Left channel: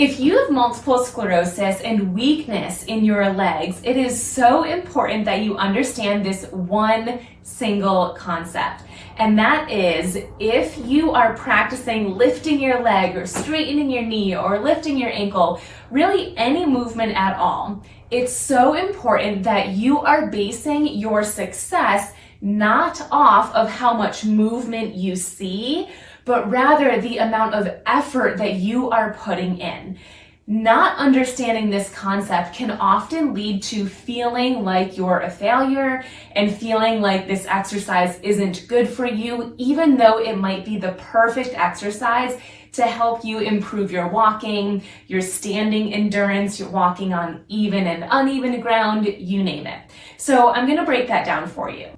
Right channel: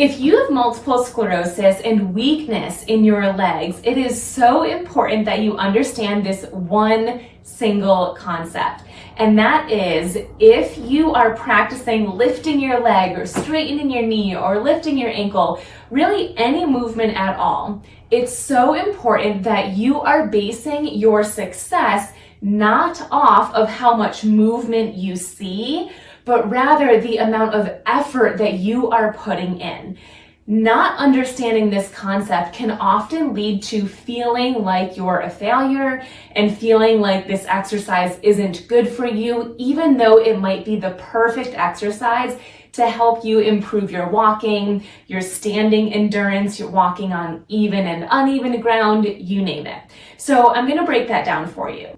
If you have multiple sclerosis and weakness in your legs, it is so important that you understand this one single concept. And that is, if you are practicing lifting your leg or straightening your knee or lifting your ankle, really any movement at all, it's so important that you are basing your success not off of how much movement you see, but rather the amount of effort that you are putting in. Not understanding this concept can often lead to feeling like you're a failure and feeling like this exercise isn't good for you, even though it might be the perfect exercise to help you improve your walking, your standing endurance, your walking on even and uneven ground, you name it. So I'm going to break that down for you.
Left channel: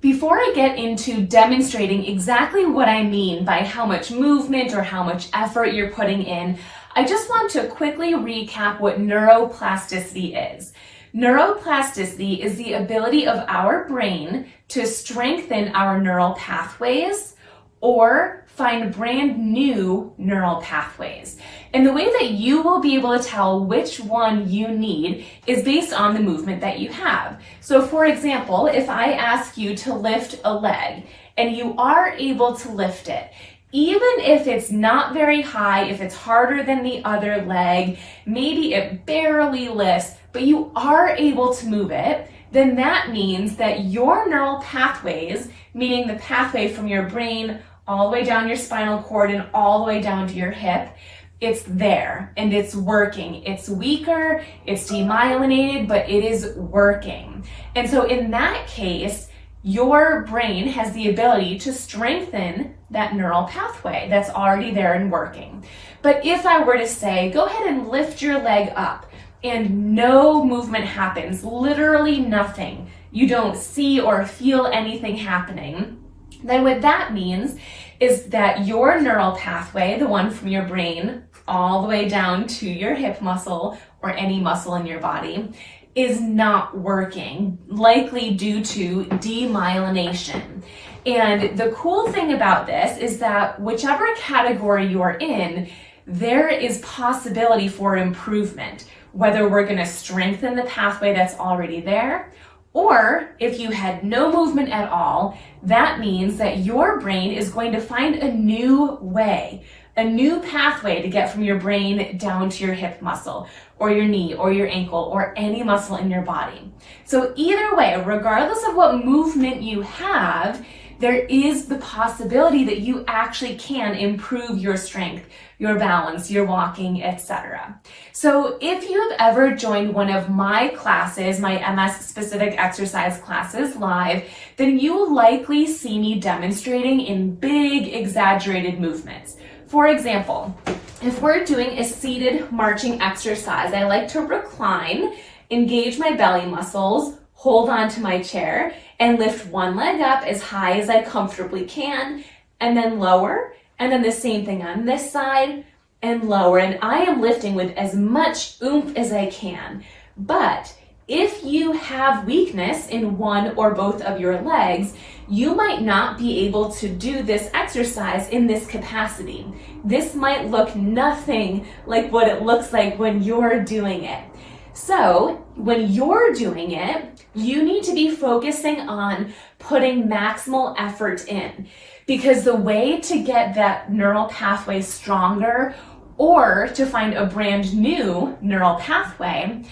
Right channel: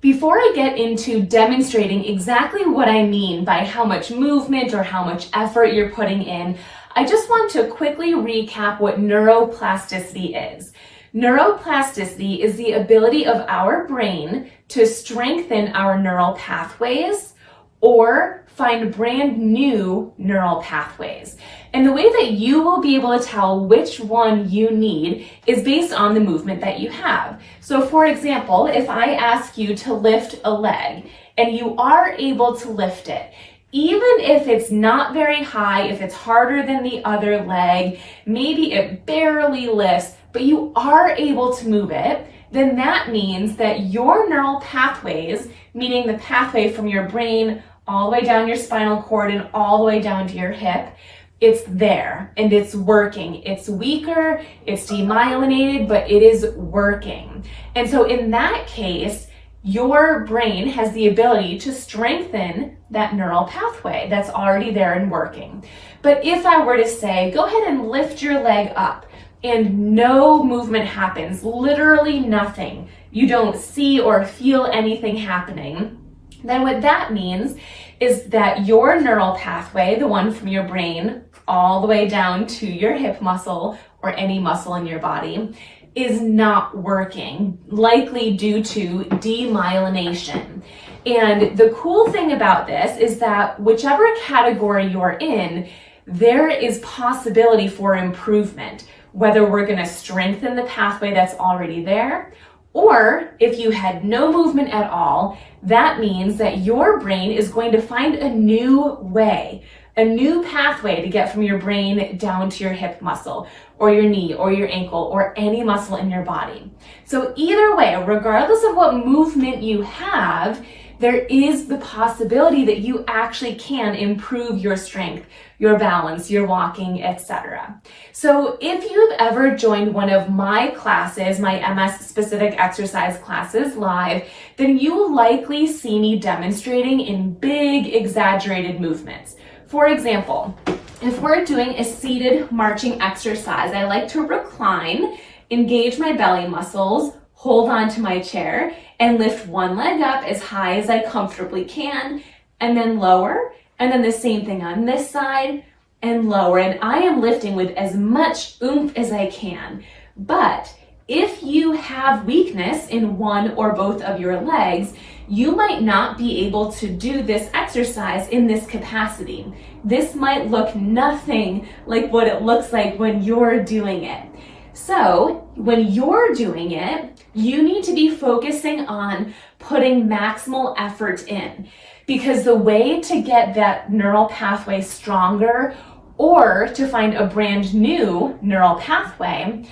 Before I get into demonstrating exactly what I mean by how much movement or how much effort you're putting in, I just want to quickly recap what neuroplasticity is. Neuroplasticity is the ability of our brain to strengthen our neural pathways or find brand new neural pathways. And the way that you will be able to tell which one you need is based on the movement that you have. So for example, if I ask you to lift a leg and you are able to lift it, even if it's not very high, if it's harder than the other leg, maybe it barely lifts, but you are able to move it, then that means that your neural pathways, meaning the pathway from your brain all the way down your spinal cord and all the way down to your hip, it's there and it's working. It's weaker, it's demyelinated, but it is working. And so in that case, your brain has the ability to strengthen that neural pathway that's already there and working. But if I were to say, go ahead and lift your leg up and no movement happens, literally nothing, you don't see or feel anything happening, then what that means is that your neural pathway, the one from your brain all the way down to your hip muscle or any muscle in your body, is not working, likely due to demyelination. And the cool thing about this is that whichever category you're in, there is possibility for improvement, whether we're going to strengthen the pathway that's already there, or if you had no movement at all, that means that your brain is going to find a new way, a new pathway to get from your brain down to your hip muscle or your knee or your ankle or any muscle in your body. So either way, regardless of what movement you have, there is the possibility that you actually can improve your strength, your balance, your walking, etc. So if you've ever joined one of my classes, my MS specific exercise classes live, then you will likely see me demonstrating in big exaggerated movements. For example, if we're doing a seated marching exercise, I like to recline, engage my belly muscles, hold on to my chair, and lift one leg up as high as I comfortably can, and then lower, and then the same thing on this side, and lower. And I am lifting with as much oomph as I can. But if you have weakness in one or both of your legs, you might not be able to do this exercise in this capacity. This might look nothing like what it looks like when you're doing it. So when you're doing it, you need to be focusing on putting maximal effort in, because the way to get that neural pathway stronger or to find a brand new neural pathway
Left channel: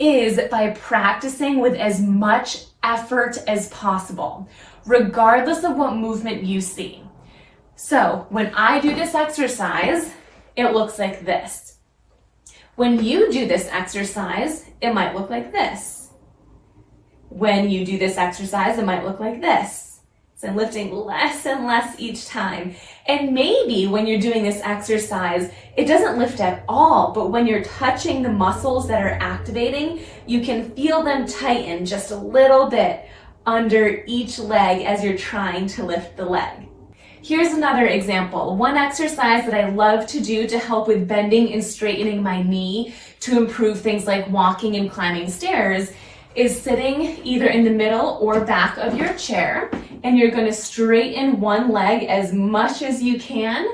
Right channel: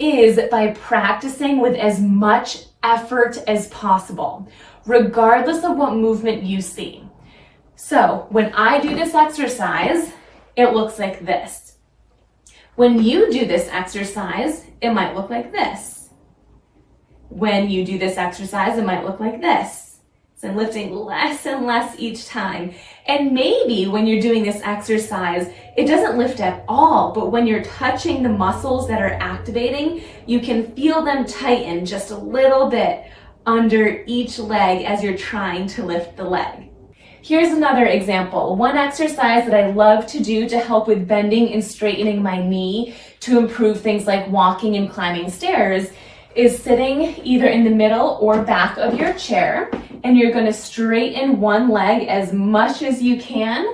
is by practicing with as much effort as possible, regardless of what movement you see. So when I do this exercise, it looks like this. When you do this exercise, it might look like this. When you do this exercise, it might look like this. So I'm lifting less and less each time. And maybe when you're doing this exercise, it doesn't lift at all, but when you're touching the muscles that are activating, you can feel them tighten just a little bit under each leg as you're trying to lift the leg. Here's another example. One exercise that I love to do to help with bending and straightening my knee to improve things like walking and climbing stairs is sitting either in the middle or back of your chair, and you're going to straighten one leg as much as you can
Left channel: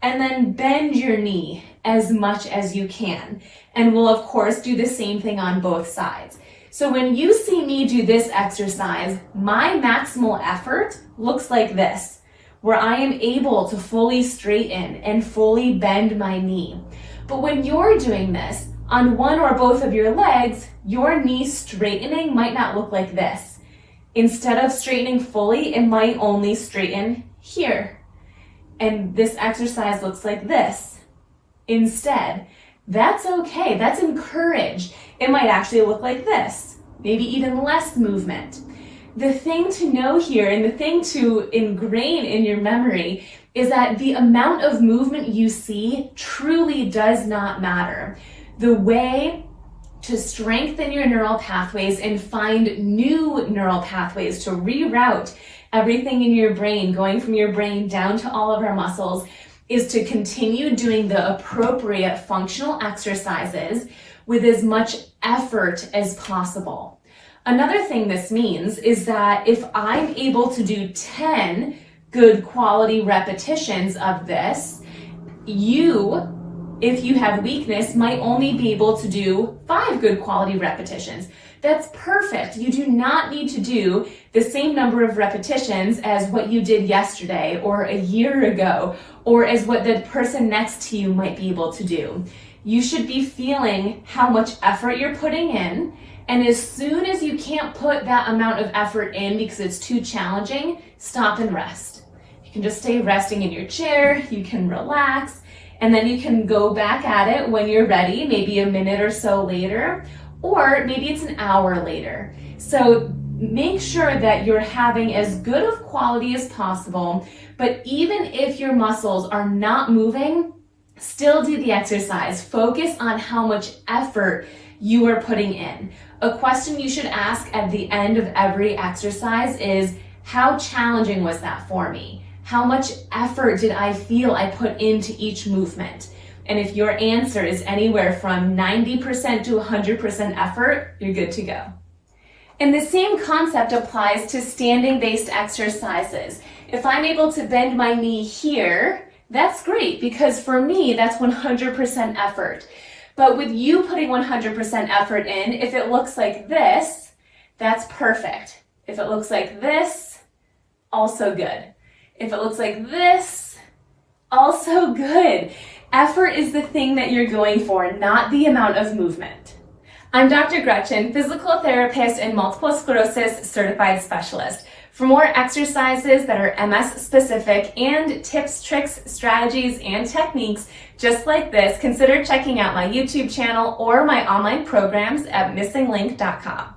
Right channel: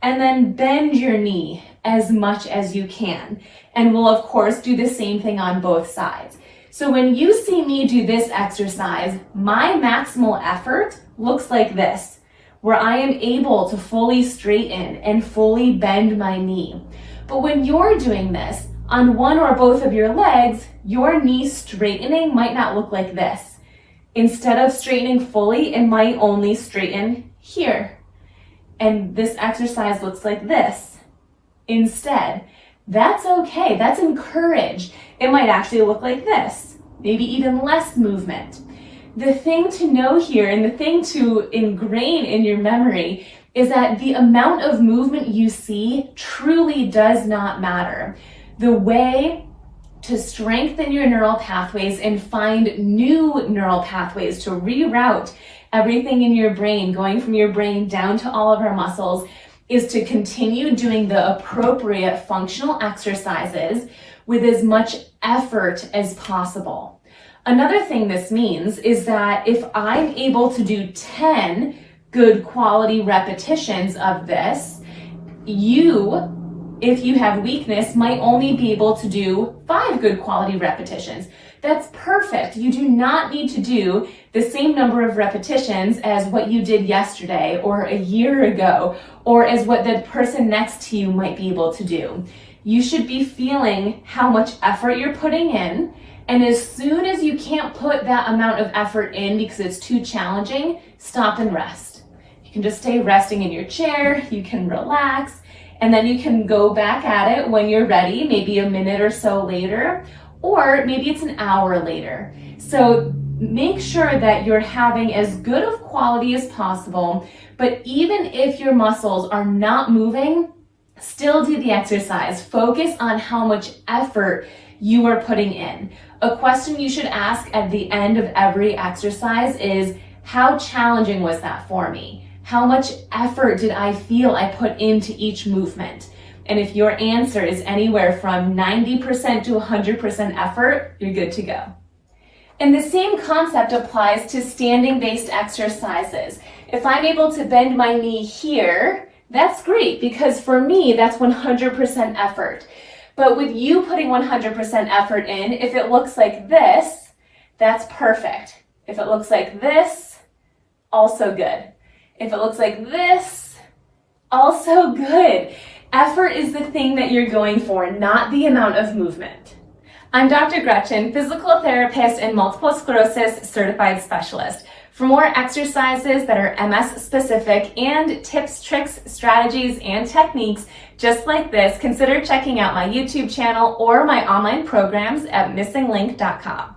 and then bend your knee as much as you can. And we'll of course do the same thing on both sides. So when you see me do this exercise, my maximal effort looks like this, where I am able to fully straighten and fully bend my knee. But when you're doing this on one or both of your legs, your knee straightening might not look like this. Instead of straightening fully, it might only straighten here. And this exercise looks like this instead. That's okay, that's encouraged. It might actually look like this, maybe even less movement. The thing to know here and the thing to ingrain in your memory is that the amount of movement you see truly does not matter. The way to strengthen your neural pathways and find new neural pathways to reroute everything in your brain, going from your brain down to all of our muscles, is to continue doing the appropriate functional exercises with as much effort as possible. Another thing this means is that if I'm able to do 10 good quality repetitions of this, you, if you have weakness, might only be able to do 5 good quality repetitions. That's perfect. You do not need to do the same number of repetitions as what you did yesterday or a year ago, or as what the person next to you might be able to do. You should be feeling how much effort you're putting in, and as soon as you can't put that amount of effort in because it's too challenging, stop and rest. You can just stay resting in your chair, you can relax, and then you can go back at it when you're ready, maybe a minute or so later, or maybe it's an hour later. So make sure that you're having as good of quality as possible, but even if your muscles are not moving, still do the exercise. Focus on how much effort you are putting in. A question you should ask at the end of every exercise is, how challenging was that for me? How much effort did I feel I put into each movement? And if your answer is anywhere from 90% to 100% effort, you're good to go. And the same concept applies to standing-based exercises. If I'm able to bend my knee here, that's great, because for me, that's 100% effort. But with you putting 100% effort in, if it looks like this, that's perfect. If it looks like this, also good. If it looks like this, also good. Effort is the thing that you're going for, not the amount of movement. I'm Dr. Gretchen, physical therapist and multiple sclerosis certified specialist. For more exercises that are MS specific and tips, tricks, strategies, and techniques just like this, consider checking out my YouTube channel or my online programs at missinglink.com.